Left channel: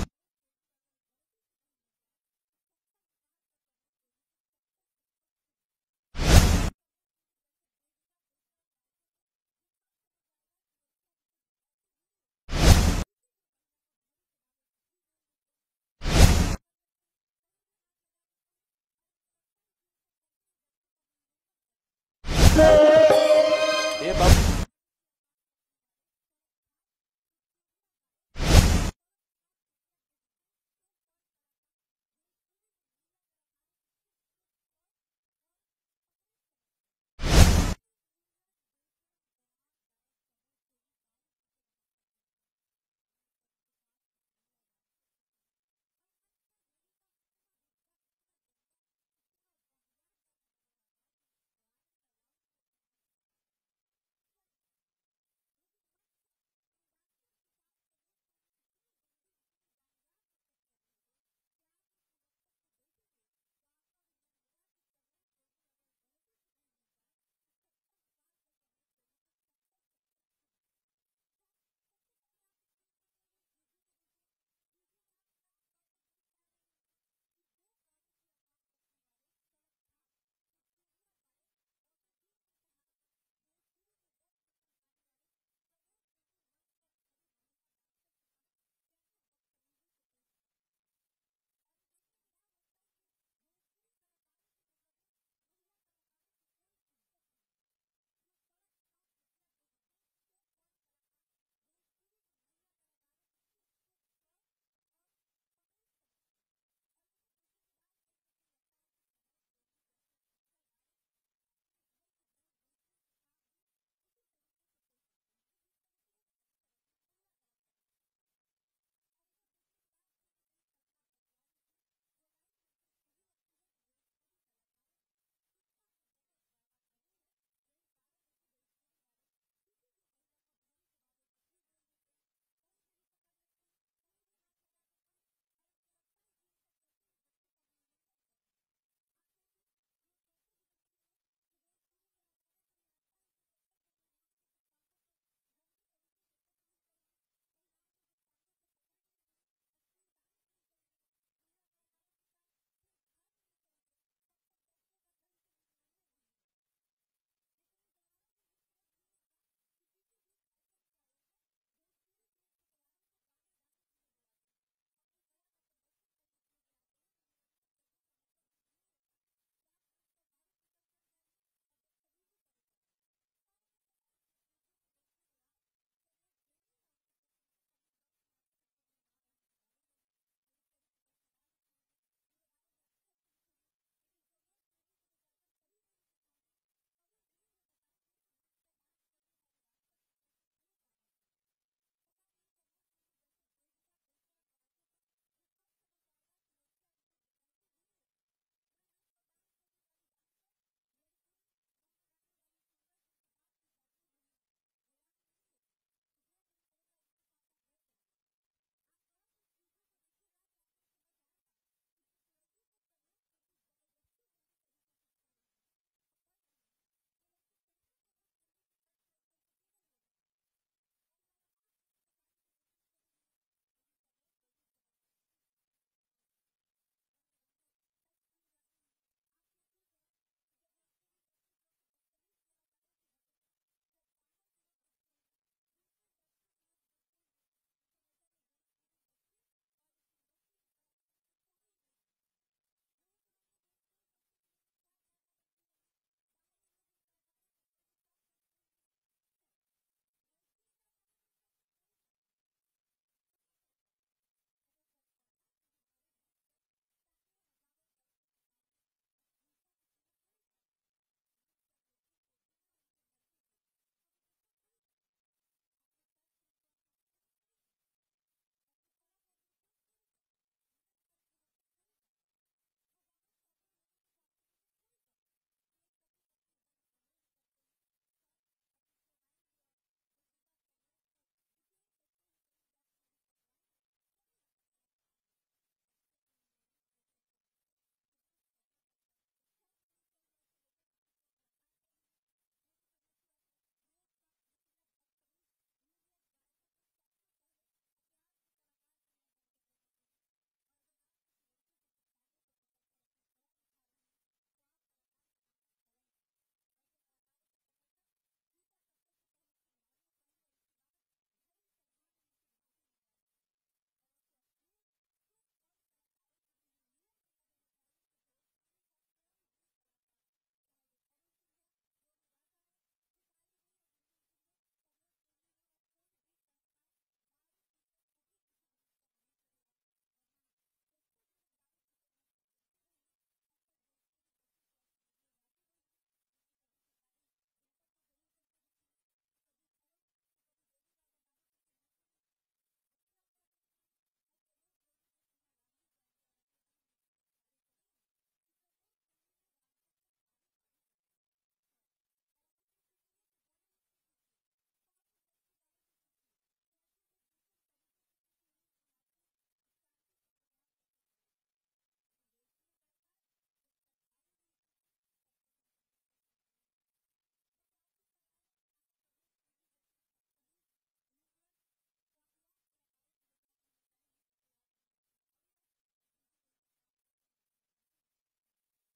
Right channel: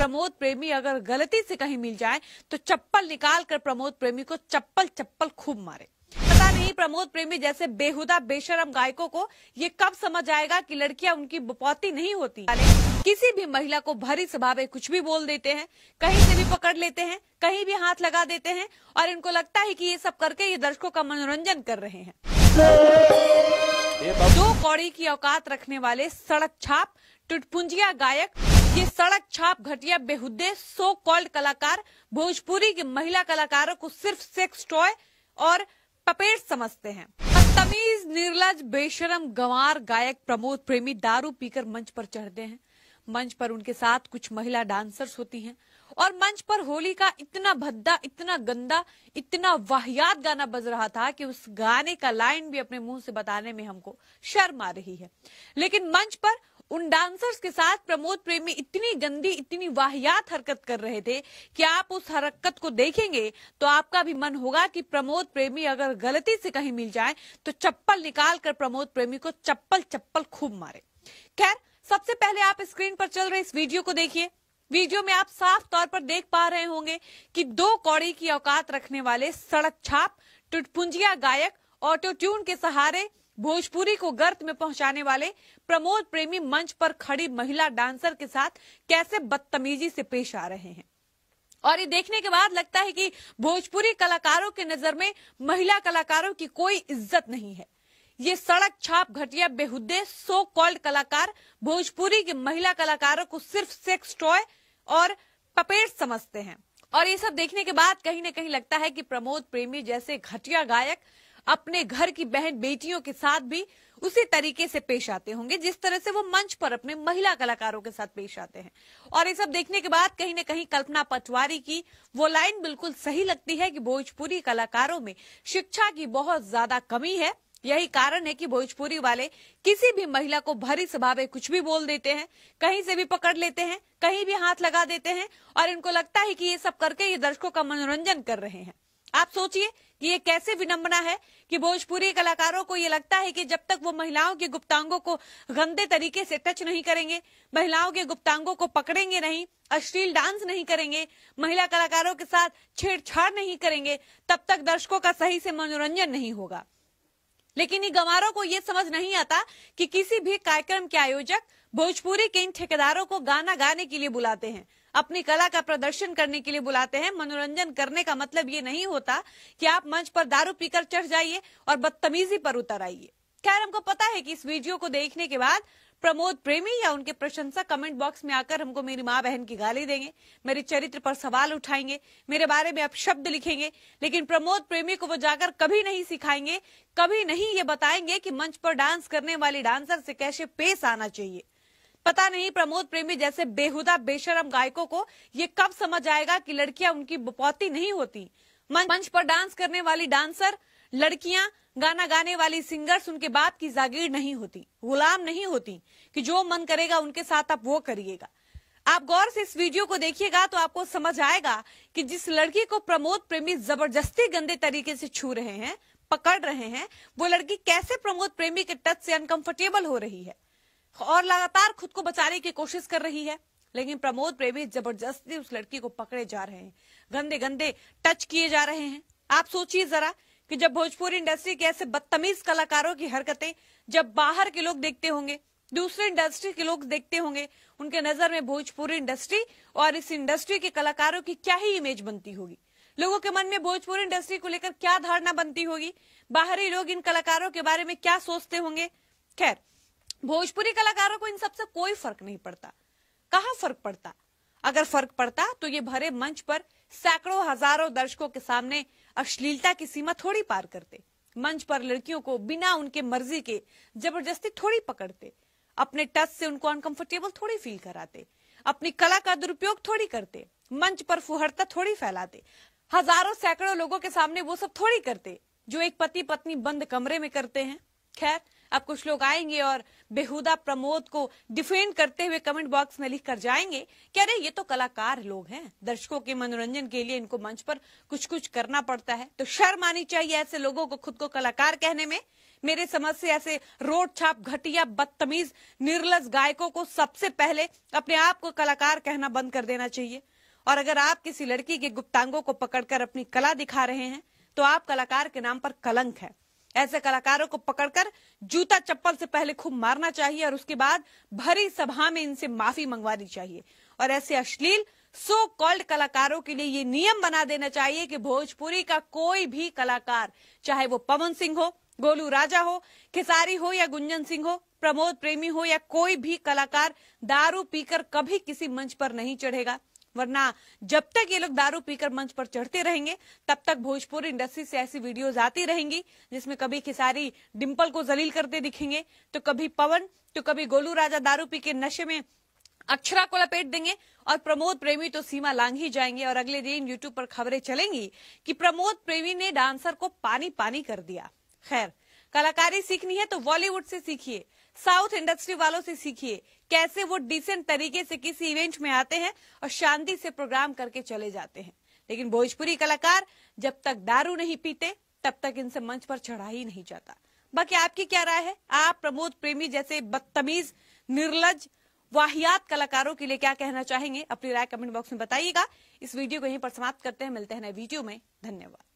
प्रमोद प्रेमी अगर गलती से कहीं मिल जाए तो चप्पल निकाल कर प्रमोद प्रेमी को चप्पल चप्पल खूब मारे। पता नहीं प्रमोद प्रेमी जैसे बेहुदा बेशरम गायकों को ये कब समझ आएगा कि लड़कियां उनकी बपौती नहीं होती। किसी भी महिला को भरी सभा में कुछ भी बोल देते हैं, कहीं से भी पकड़ लेते हैं, कहीं भी हाथ लगा देते हैं और इनको लगता है कि ये सब करके ये दर्शकों का मनोरंजन कर रहे हैं। दो कौड़ी की औकात रखने वाले सड़क छाप टुटपुंजिया गायक, ये सड़क छाप घटिया बेहुदे सो कॉल्ड कलाकार भोजपुरी की महिला कलाकारों को सिर्फ सेक्स टॉय और पपेट समझते हैं। बदतमीज निर्लज बेशरम गंवार गायक प्रमोद प्रेमी दारू पीकर मंच पर चढ़ते हैं। मंच पर उनके साथ कुछ महिला डांसर्स होती हैं और मंच पर होली का इतना भद्दा, इतना गंदा, इतना वाहियात गाना बज रहा था कि उस गाने का लाइन भी अपने मुंह से बताने में हमको शर्म आ रही है। लेकिन मंच पर उन डांसर्स के साथ प्रमोद प्रेमी इतनी गंदी, इतनी वाहियात हरकत कर रहे थे कि आप उस हरकत को देखेंगे तो आपका भी मन होगा कि प्रमोद प्रेमी अगर गलती से कहीं मिल जाए तो चप्पल निकाल कर प्रमोद प्रेमी को चप्पल चप्पल खूब मारे। खैर, सबसे पहले आप स्क्रीन पर चल रहे इस वीडियो को देखिए। वीडियो में आप साफ तौर पर देख पा रहे होंगे कि दो कौड़ी की औकात रखने वाले सड़क छाप टुटपुंजिया गायक ऑटो ट्यून के सहारे भोजपुरी को गर्त में पहुंचाने वाले प्रमोद प्रेमी मंच पर खड़ी महिला डांसर के साथ कैसे बदतमीजी से पेश आ रहे हैं। और ये देखने के बाद लगता है कि भोजपुरी कलाकारों के नजर में महिला कलाकारों की कोई इज्जत नहीं है। ये सड़क छाप घटिया बेहुदे सो कॉल्ड कलाकार भोजपुरी की महिला कलाकारों को सिर्फ सेक्स टॉय और पपेट समझते हैं। और ये सब देखने के बाद कहीं न कहीं लगता है कि प्रमोद प्रेमी जैसे घटिया गायक अपने घर की बहन बेटियों के साथ भी उसी तरीके से पेश आते होंगे जिस तरह से वो मंच पर अपने महिला कलाकारों के साथ पेश आते हैं। और ये सब देखने के बाद कहीं न कहीं कल्पना पटवारी की वो लाइन बिल्कुल सही लगती है कि भोजपुरी कलाकारों में शिक्षा की बहुत ज्यादा कमी है। यही कारण है कि भोजपुरी वाले किसी भी महिला को भरी सभा में कुछ भी बोल देते हैं, कहीं से भी पकड़ लेते हैं, कहीं भी हाथ लगा देते हैं और इनको लगता है कि ये सब करके ये दर्शकों का मनोरंजन कर रहे हैं। आप सोचिए कि ये कैसे विडंबना है कि भोजपुरी कलाकारों को ये लगता है कि जब तक वो महिलाओं के गुप्तांगों को गंदे तरीके से टच नहीं करेंगे, महिलाओं के गुप्तांगों को पकड़ेंगे नहीं, अश्लील डांस नहीं करेंगे, महिला कलाकारों के साथ छेड़छाड़ नहीं करेंगे, तब तक दर्शकों का सही से मनोरंजन नहीं होगा। लेकिन इन गंवारों को ये समझ नहीं आता कि किसी भी कार्यक्रम के आयोजक भोजपुरी के इन ठेकेदारों को गाना गाने के लिए बुलाते हैं, अपनी कला का प्रदर्शन करने के लिए बुलाते हैं। मनोरंजन करने का मतलब ये नहीं होता कि आप मंच पर दारू पीकर चढ़ जाइए और बदतमीजी पर उतर आइए। खैर, हमको पता है कि इस वीडियो को देखने के बाद प्रमोद प्रेमी या उनके प्रशंसक कमेंट बॉक्स में आकर हमको मेरी माँ बहन की गाली देंगे, मेरे चरित्र पर सवाल उठाएंगे, मेरे बारे में अपशब्द लिखेंगे। लेकिन प्रमोद प्रेमी को वो जाकर कभी नहीं सिखाएंगे, कभी नहीं ये बताएंगे कि मंच पर डांस करने वाली डांसर से कैसे पेश आना चाहिए। पता नहीं प्रमोद प्रेमी जैसे बेहुदा बेशरम गायकों को ये कब समझ आएगा कि लड़कियां उनकी बपौती नहीं होती। मंच पर डांस करने वाली डांसर लड़कियां, गाना गाने वाली सिंगर्स उनके बाप की जागीर नहीं होती, गुलाम नहीं होती कि जो मन करेगा उनके साथ आप वो करिएगा। आप गौर से इस वीडियो को देखिएगा तो आपको समझ आएगा कि जिस लड़की को प्रमोद प्रेमी जबरदस्ती गंदे तरीके से छू रहे हैं, पकड़ रहे हैं, वो लड़की कैसे प्रमोद प्रेमी के टच से अनकंफर्टेबल हो रही है और लगातार खुद को बचाने की कोशिश कर रही है। लेकिन प्रमोद प्रेमी जबरदस्ती उस लड़की को पकड़े जा रहे हैं, गंदे गंदे टच किए जा रहे हैं। आप सोचिए जरा कि जब भोजपुरी इंडस्ट्री के ऐसे बदतमीज कलाकारों की हरकतें जब बाहर के लोग देखते होंगे, दूसरे इंडस्ट्री के लोग देखते होंगे, उनके नजर में भोजपुरी इंडस्ट्री और इस इंडस्ट्री के कलाकारों की क्या ही इमेज बनती होगी। लोगों के मन में भोजपुरी इंडस्ट्री को लेकर क्या धारणा बनती होगी, बाहरी लोग इन कलाकारों के बारे में क्या सोचते होंगे। खैर, भोजपुरी कलाकारों को इन सबसे कोई फर्क नहीं पड़ता। कहाँ फर्क पड़ता? अगर फर्क पड़ता तो ये भरे मंच पर सैकड़ों हजारों दर्शकों के सामने अश्लीलता की सीमा थोड़ी पार करते, मंच पर लड़कियों को बिना उनके मर्जी के जबरदस्ती थोड़ी पकड़ते, अपने टच से उनको अनकंफर्टेबल थोड़ी फील कराते, अपनी कला का दुरुपयोग थोड़ी करते, मंच पर फुहरता थोड़ी फैलाते, हजारों सैकड़ों लोगों के सामने वो सब थोड़ी करते जो एक पति पत्नी बंद कमरे में करते हैं। खैर, अब कुछ लोग आएंगे और बेहुदा प्रमोद को डिफेंड करते हुए कमेंट बॉक्स में लिख कर जाएंगे कि अरे ये तो कलाकार लोग हैं, दर्शकों के मनोरंजन के लिए इनको मंच पर कुछ कुछ करना पड़ता है। तो शर्म आनी चाहिए ऐसे लोगों को खुद को कलाकार कहने में। मेरे समझ से ऐसे रोड छाप घटिया बदतमीज निर्लज गायकों को सबसे पहले अपने आप को कलाकार कहना बंद कर देना चाहिए। और अगर आप किसी लड़की के गुप्तांगों को पकड़कर अपनी कला दिखा रहे हैं तो आप कलाकार के नाम पर कलंक है। ऐसे कलाकारों को पकड़कर जूता चप्पल से पहले खूब मारना चाहिए और उसके बाद भरी सभा में इनसे माफी मंगवानी चाहिए। और ऐसे अश्लील सो कॉल्ड कलाकारों के लिए ये नियम बना देना चाहिए कि भोजपुरी का कोई भी कलाकार, चाहे वो पवन सिंह हो, गोलू राजा हो, खेसारी हो या गुंजन सिंह हो, प्रमोद प्रेमी हो या कोई भी कलाकार, दारू पीकर कभी किसी मंच पर नहीं चढ़ेगा। वरना जब तक ये लोग दारू पीकर मंच पर चढ़ते रहेंगे तब तक भोजपुरी इंडस्ट्री से ऐसी वीडियोस आती रहेंगी जिसमें कभी खेसारी डिंपल को जलील करते दिखेंगे, तो कभी पवन, तो कभी गोलू राजा दारू पी के नशे में अक्षरा को लपेट देंगे और प्रमोद प्रेमी तो सीमा लांघ ही जाएंगे। और अगले दिन यूट्यूब पर खबरें चलेंगी कि प्रमोद प्रेमी ने डांसर को पानी पानी कर दिया। खैर, कलाकारी सीखनी है तो बॉलीवुड से सीखिए, साउथ इंडस्ट्री वालों से सीखिए कैसे वो डिसेंट तरीके से किसी इवेंट में आते हैं और शांति से प्रोग्राम करके चले जाते हैं। लेकिन भोजपुरी कलाकार जब तक दारू नहीं पीते तब तक इनसे मंच पर चढ़ा ही नहीं जाता। बाकी आपकी क्या राय है? आप प्रमोद प्रेमी जैसे बदतमीज, निर्लज, वाहियात कलाकारों के लिए क्या कहना चाहेंगे? अपनी राय कमेंट बॉक्स में बताइएगा। इस वीडियो को यहीं पर समाप्त करते हैं, मिलते हैं नए वीडियो में। धन्यवाद।